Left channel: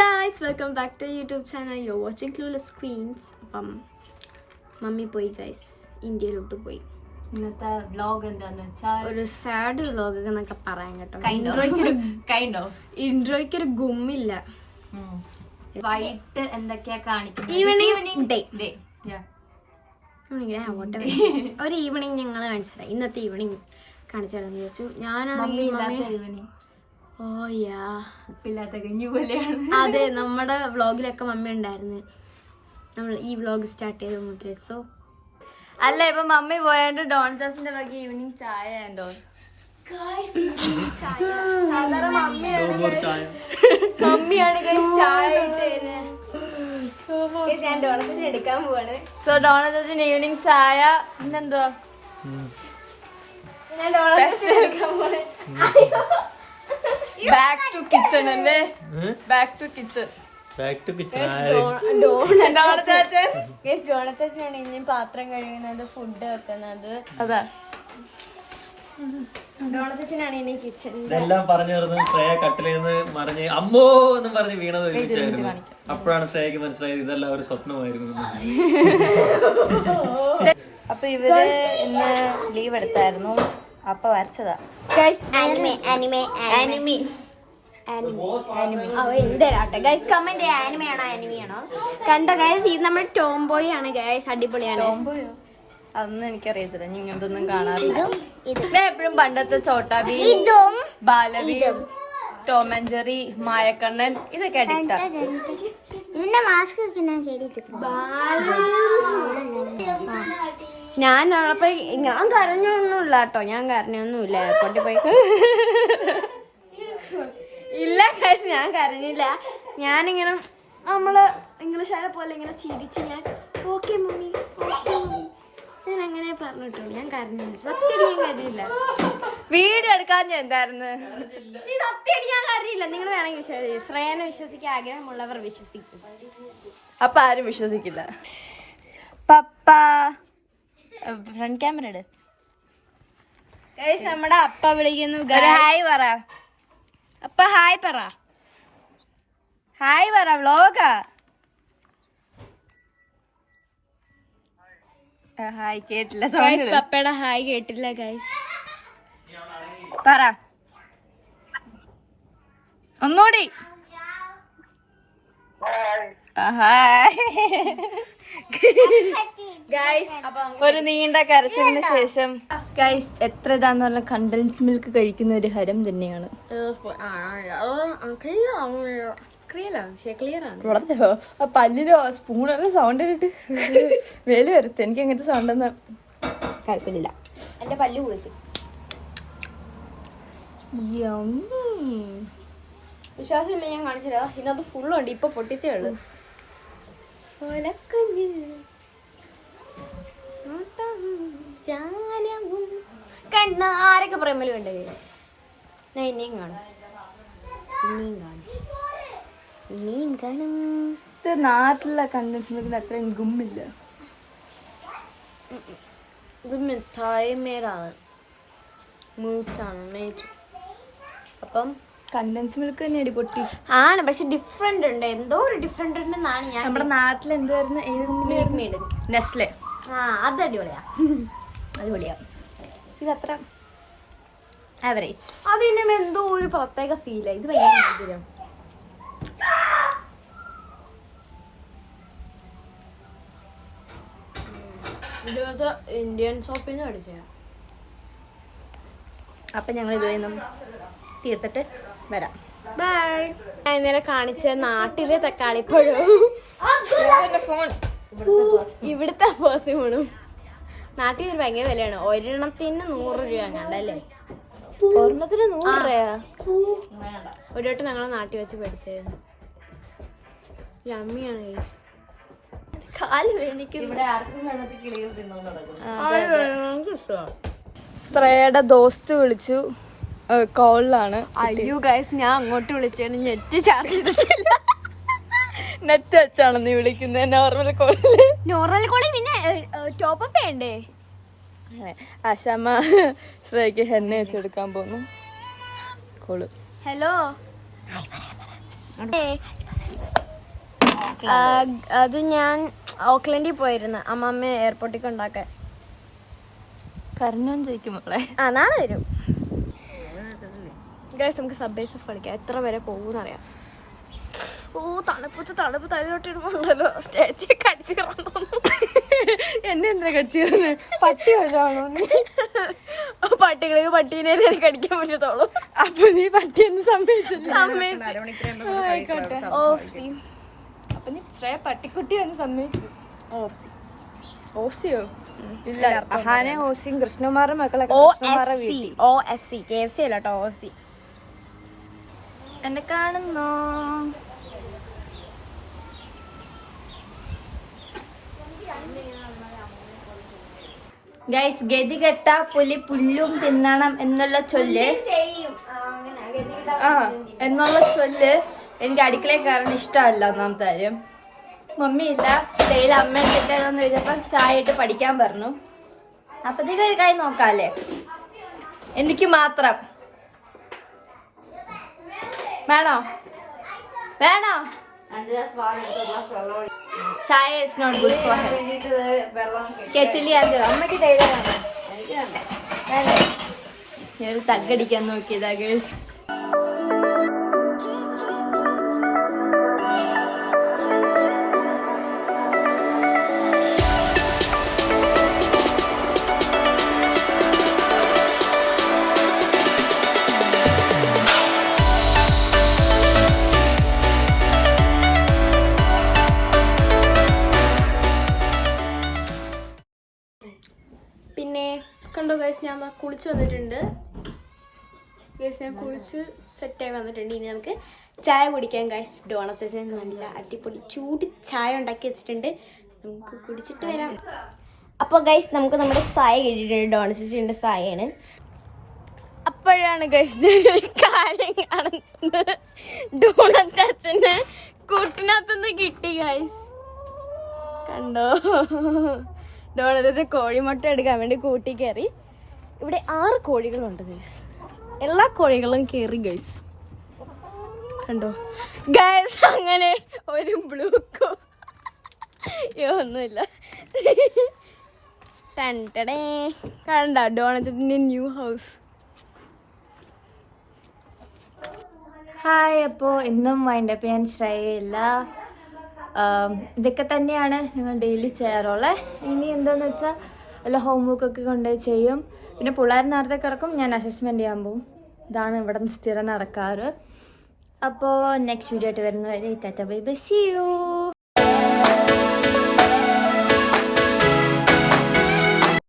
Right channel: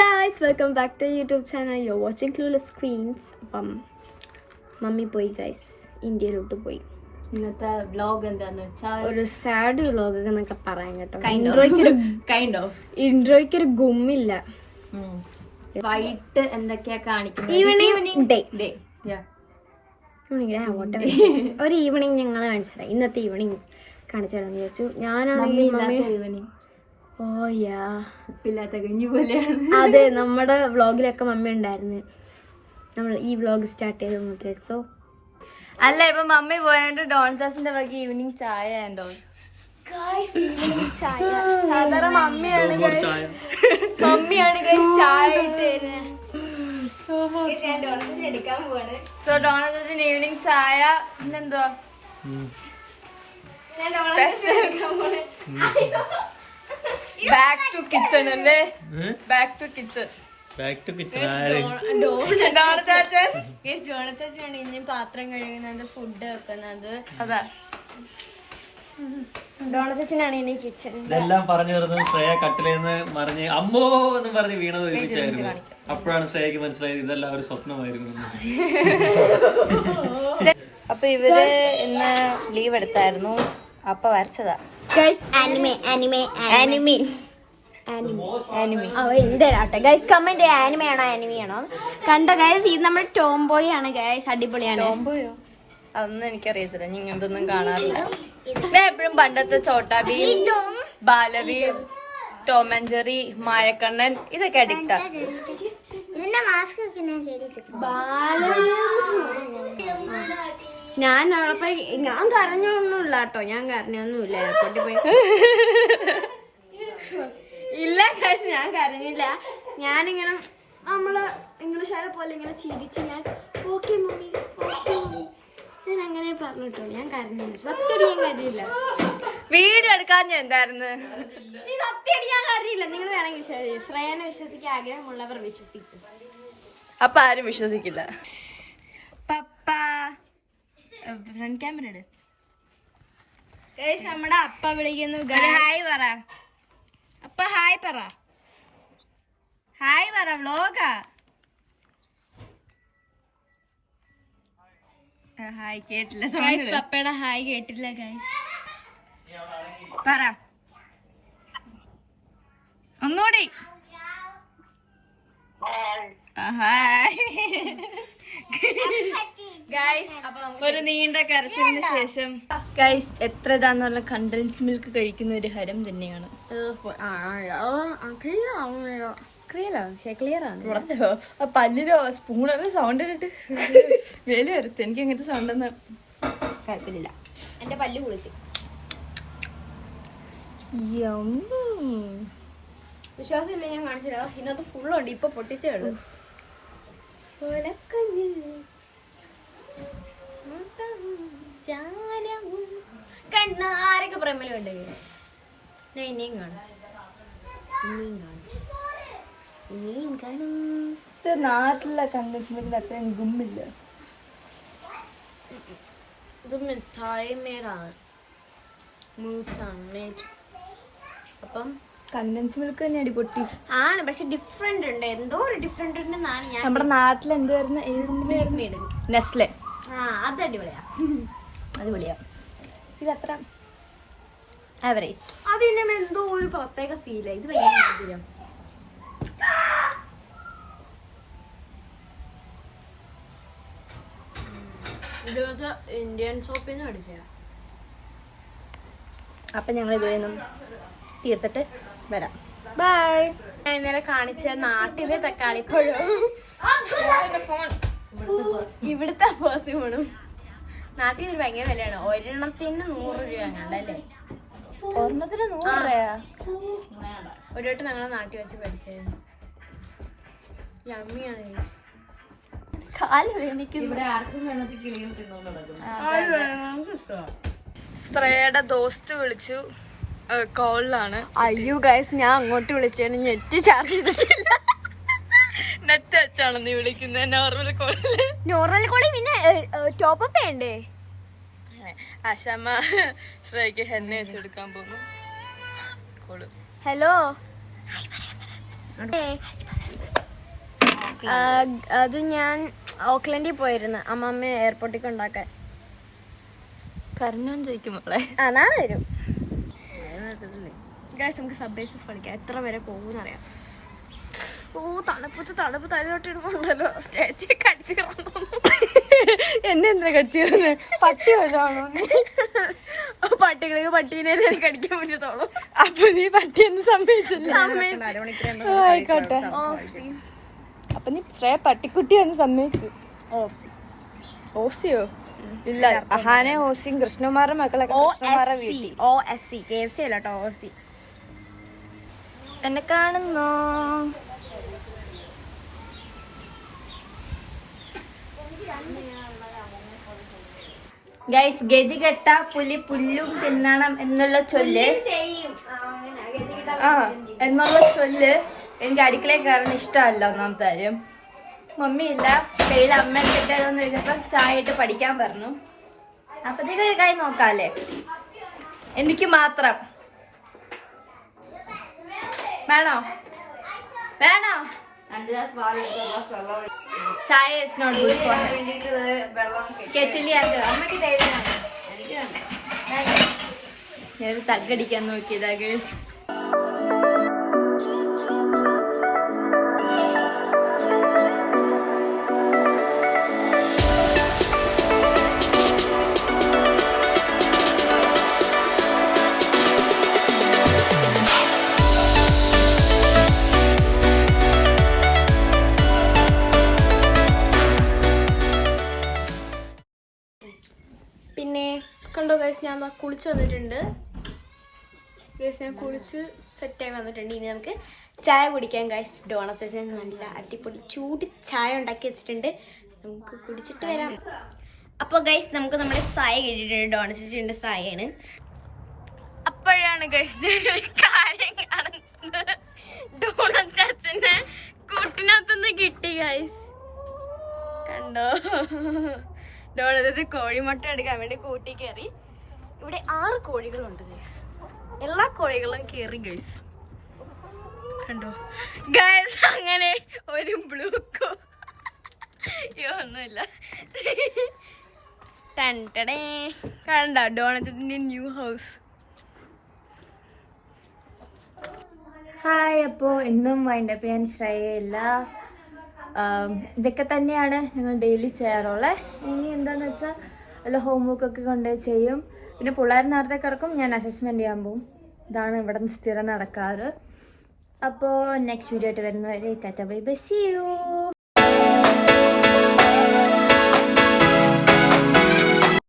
guys, welcome back to YouTube channel. You're watching Clueless Queens. അപ്പം mummy പോയി guys, ഇന്ത്യയിലോട്ട് പോയി. ഇന്നത്തെ വ്ലോഗ് എന്താന്ന് വെച്ചാൽ ഒരു സാഡ് വ്ലോഗ് എന്നൊക്കെ പറയാൻ കേട്ടോ. ഇൻട്രോയ്ക്ക് ഒരു ഗുമ്മില്ല. വൈകിട്ട് എന്തൊക്കെയാ കാണിക്കുന്നത്? ഒരു ഈവനിങ് ഞങ്ങൾ കാണിച്ചത്. ഇന്നത്തെ ഈവനിങ് കാണിച്ചു തരാന്ന് ചോദിച്ചു. ഞാനാണെങ്കിൽ മമ്മി അതെ, നമ്മുടെ വ്ളോഗിലൊക്കെ മമ്മി ഉണ്ടായിരുന്നു. നമ്മൾ ഈ വ്ളോഗ് സ്റ്റാർട്ട് ചെയ്ത് മുതലേ. സോ അല്ല, ഇപ്പൊ മമ്മി പോയതിന്റെ ഡോൺസാസിന്റെ വക ഈവനിങ് ചായ മമ്മിയാണ് ചായ എടുക്കാൻ പോവാണ്. സോ ഡോണസിന് ഈവനിങ് ചായ. പിന്നെന്തുവാ ബാക്ക് ടു കിച്ചൺ അല്ലേ? Back to kitchen. ജോണച്ചാച്ചാണ് ഇനിയും പാത്രം കഴുകുന്നത്, ഫുഡ് വെക്കുന്നത്. അതാ ഡോണച്ചാച്ചനാണ് ഇനി കിച്ചൺ. ഇതെല്ലാം പറഞ്ഞു വരുന്നത് ശ്രേയ കട്ടിലേന്ന് മറിഞ്ഞ് അമ്മോ എന്നും പറഞ്ഞ് വീണത് ഒരുമിച്ചായിരുന്നു. അപ്പോഴാണ് ശ്രേയക്ക് മനസ്സിലായത് ഇതെല്ലാം ഒരു സ്വപ്നമായിരുന്നു. അപ്പൊ ഇവര് ഇന്ന് ലീവ് എടുത്തായിരുന്നു. അപ്പൊ വരച്ചതാ ഗൈസ്. കമന്റ് ആനിമ ആണോ ആനിമ ആണോ കണ്ടോ ഗൈസ്? ഇത് നമ്മുടെ ടോംബോയ് ആണ് ഗൈസ്, അടിപൊളിയാണ്. ടോംബോയോ? അതൊന്നും എനിക്കറിയത്തില്ല, ഞാൻ ഇങ്ങനത്തൊന്നും കാണാറില്ല. എപ്പോഴും പണ്ടത്തെ ചോട്ടാബി, ബാലവീർ, ടോം ആൻഡ് ജെറി, മായക്കണ്ണൻ ഇതൊക്കെ അഡിക്റ്റാ. ഞാൻ കരഞ്ഞൊന്നുമില്ല കേട്ടോ, ഞാൻ കരഞ്ഞൊന്നുമില്ല. എയർപോർട്ടിൽ പോയി ഇല്ല ഗൈസ്, ഞാൻ കരഞ്ഞില്ല. ഞാനിങ്ങനെ നമ്മള് ഇംഗ്ലീഷുകാരെ പോലെ ഇങ്ങനെ ചിരിച്ച് ഞാൻ ഓക്കെ മമ്മി ഓക്കെ മമ്മി ഞാൻ അങ്ങനെ പറഞ്ഞിട്ടുള്ളൂ. ഞാൻ കരഞ്ഞില്ല, സത്യം ഞാൻ കരഞ്ഞില്ല. വീഡിയോ എടുക്കാൻ ഞാൻ എന്തായിരുന്നു, സത്യം ഞാൻ കരഞ്ഞില്ല. നിങ്ങൾ വേണമെങ്കിൽ വിശ്വസിക്കും, ശ്രേയനെ വിശ്വസിക്കാൻ ആഗ്രഹമുള്ളവർ വിശ്വസിക്കും. അപ്പൊ ആരും വിശ്വസിക്കില്ല. പപ്പ ഫ്രണ്ട് ക്യാമറ ഇട്. നമ്മുടെ അപ്പ വിളിക്കുന്നു. ഹായ് പറ അപ്പ, ഹായ് പറ, ഹായ് പറ. വ്ലോഗാ. ഹായ് കേട്ടില്ല. പപ്പയുടെ ഹായ് കേട്ടില്ല ഗൈസ്. പറ ഒന്നൂടി. ഒരു നീണ്ട കരച്ചിലിന് ശേഷം ഗൈസ്, എത്ര ഇതാന്ന് പറഞ്ഞ കണ്ടൻസ് മിൽക്ക് കഴിക്കുന്ന ഒരു ഹരം തന്നെയാണ്. പല്ലിലോ സ്പൂണെല്ലാം സൗണ്ട് ഇട്ടിട്ട് വേല വരുത്ത്. എനിക്ക് അങ്ങനത്തെ സൗണ്ട് ഒന്നും താല്പര്യമില്ല. എന്റെ പല്ല് കുളിച്ചു. വിശ്വാസമില്ല, ഞാൻ കാണിച്ചില്ല. ഇതിനകത്ത് ഫുള്ളുണ്ട്, ഇപ്പൊ പൊട്ടിച്ചേ ഉള്ളു. കണ്ണ ആരൊക്കെ പറയുമ്പോൾ വേണ്ടേ? ഞാൻ ഇനിയും കാണും, ഇനിയും കാണും. നാട്ടിലെ കണ്ടൻസ് മിൽക്കിന് അത്രയും ഗുമ്മില്ല. ഇത് മിഠായി മേലാണ്, മൂച്ചാണ്. അപ്പം കണ്ടൻസ് മിൽക്ക് തന്നെ അടിപൊട്ടി ആണ്, പക്ഷെ ഡിഫറെന്റ് ഉണ്ട്. എന്തോ ഒരു ഡിഫറെന്റ് ഉണ്ടെന്നാണ് ഞാൻ. നമ്മുടെ നാട്ടിൽ എന്തുവായിരുന്നു, ഏത് കമ്പനിയായിരുന്നു? നെസ്ലെ. അത് അടിപൊളിയാ, അടിപൊളിയാ. ഇതത്ര ആവറേജ്. അതിനും എന്തോ ഒരു പ്രത്യേക ഫീലാ. ഇത് ഭയങ്കര മധുരം. ഇത് ഇന്ത്യൻ ഷോപ്പിൽ നിന്ന് അടിച്ച. അപ്പൊ ഞങ്ങൾ ഇതുവരെയും തീർത്തിട്ട് വരാം. ബൈ. ഞാൻ ഇന്നലെ കാണിച്ച നാട്ടിലെ തക്കാളിപ്പഴം, ഇവിടുത്തെ ഫോണും. നാട്ടിൽ ഒരു ഭയങ്കര വിലയാണ്. ഒരെണ്ണത്തിന് 100 രൂപ കണ്ടല്ലേ? ഒരെണ്ണത്തിന് 100 രൂപയാ? ഒരു വട്ടം ഞങ്ങൾ നാട്ടിൽ വെച്ച് പഠിച്ചായിരുന്നു. യമ്മിയാണ്. കാല് വേണിക്കുന്നു. ശ്രേയയുടെ ദോസ്ത് വിളിച്ചു, കോളിലാണ്. അയ്യോ ഗൈസ്, ഞാൻ അങ്ങോട്ട് വിളിച്ചാണ്, നെറ്റ് ചാർജ് ചെയ്തിട്ടില്ല. നെറ്റ് വെച്ചാണ് നീ വിളിക്കുന്നത്? നോർമൽ കോളില്. നോർമൽ കോളി പിന്നെ ടോപ്പ് അപ്പ് വേണ്ടേ? ആശാമ്മ ശ്രേയക്ക് ഹെന്ന വെച്ച് കൊടുക്കാൻ പോകുന്നു. കോള്. ഹലോ അത് ഞാൻ ഓക്ലൻഡിൽ പോയിരുന്നു അമ്മമ്മ എയർപോർട്ടിൽ കൊണ്ടാക്കാൻ. കരഞ്ഞോന്ന് ചോദിക്കും മക്കളെ. നാളെ വരും. ഗൈസ് നമുക്ക് സബ്വേ സർഫ് കളിക്കാം. എത്ര വരെ പോകുമെന്നറിയാം. ഓ തണുപ്പത്ത് തലയിലോട്ടിടുമ്പോണ്ടല്ലോ ചേച്ചി കടിച്ചു എന്നെ എന്തിനാ കടിച്ചു പട്ടി വരാണോ? പട്ടികൾക്ക് പട്ടീനെ കടിക്കാൻ പറ്റത്തോളൂ. അപ്പൊ നീ പട്ടിയൊന്നും സമ്മതിച്ചില്ല. ആയിക്കോട്ടെ. അപ്പൊ നീ ശ്രേയ പട്ടിക്കുട്ടി ഒന്ന് സമ്മതിച്ചു. ഓസിയോ? ഇല്ല, അഹാനെ ഓസിയും കൃഷ്ണകുമാറും മക്കളൊക്കെ കൃഷ്ണകുമാറെ വീട്ടിൽ. OFC KFC അല്ല കേട്ടോ, OFC. എന്നെ കാണുന്നു. ഗൈസ്, ഗതികെട്ട പുലി പുല്ലും തിന്നണം എന്നുള്ള ചൊല്ല് എനിക്ക് അടുക്കളയിൽ കയറാൻ ഇഷ്ടമല്ല. ഒന്നാമത്തെ കാര്യം മമ്മിയില്ല, കയ്യിൽ അമ്മ എടുത്തിട്ടോന്ന് ചോദിച്ചപ്പോ ചായ ഇട്ട് പഠിക്കാൻ പറഞ്ഞു. അപ്പത്തേക്ക് ഒരു കൈ നോക്കാല്ലേ എനിക്ക് മാത്രം. വേണോ വേണോ? ചായ ഇസ് നോട്ട് ഗുഡ് ഫോർ കെറ്റിലി. അത് അമ്മക്ക് കൈതരാണ്. ഞാനൊരു തగ్గടിക്കാൻ നോക്കിയതാ ഗൈസ്. പിന്നെ കണ്ടോ ഗൈസ്, ഞാൻ കുളിച്ച് വന്നിട്ടുണ്ട്. ഗൈസ് ഞാൻ കുളിച്ച് സെറ്റായി വന്നിട്ടുണ്ട്. ഇനി നമുക്ക് ചായ കുടിക്കാൻ ഗൈസ്. ഡോണറ്റ് ചേച്ചി നല്ല അടിപൊളി ചൂട് ചായ ഉണ്ടാക്കി വെച്ചിട്ടുണ്ട്. നമുക്ക് കുടിച്ചിട്ട് വരാം. അപ്പോൾ ഗൈസ് നമുക്ക് നമ്മുടെ ചായ കിട്ടിയിട്ടുണ്ട്. ഡോണറ്റ് ചേച്ചിയുടെ ചായയാണ്. അപ്പോഴാണ് ഗൈസ് ഒരു കാര്യം കാണുന്നത്. ഡോണറ്റ് ചേച്ചന് കൂട്ടിനകത്തുനിന്ന് കിട്ടി ഗൈസ്. കണ്ടോ? ഡോണറ്റ് കോഴിമുട്ട എടുക്കാൻ വേണ്ടി കൂട്ടി കയറി. ഇവിടെ 6 കോഴികളുണ്ട് ഗൈസ്. എല്ലാ കോഴികളും കയറി ഗൈസ്. കണ്ടോ ഗൈസ്? അങ്ങനെ ഒരു ബ്ലൂക്കോ ഒന്നുമില്ല. കണ്ടോ ഡോണറ്റിന്റെ ന്യൂ ഹൗസ്. ഹായ്, അപ്പോൾ ഇന്നും വൈൻഡപ്പ് ചെയ്യാൻ ശ്രേയയില്ല. ഇതൊക്കെ തന്നെയാണ് ഞങ്ങൾ ഡെയിലി ചെയ്യാറുള്ളത്. ഇനി എന്താണെന്ന് വെച്ചാൽ വല്ല ഹോംവർക്കൊക്കെ കൊണ്ടുപോയി ചെയ്യും. പിന്നെ പിള്ളേർ നേരത്തെ കിടക്കും, ഞാൻ അസസ്മെൻറ്റ് ചെയ്യാൻ പോകും. ഇതാണ് ഇവിടെ സ്ഥിരം നടക്കാറ്. അപ്പോൾ നെക്സ്റ്റ് വീഡിയോ ആയിട്ട് വരുന്നവരെ tata bye bye, see U.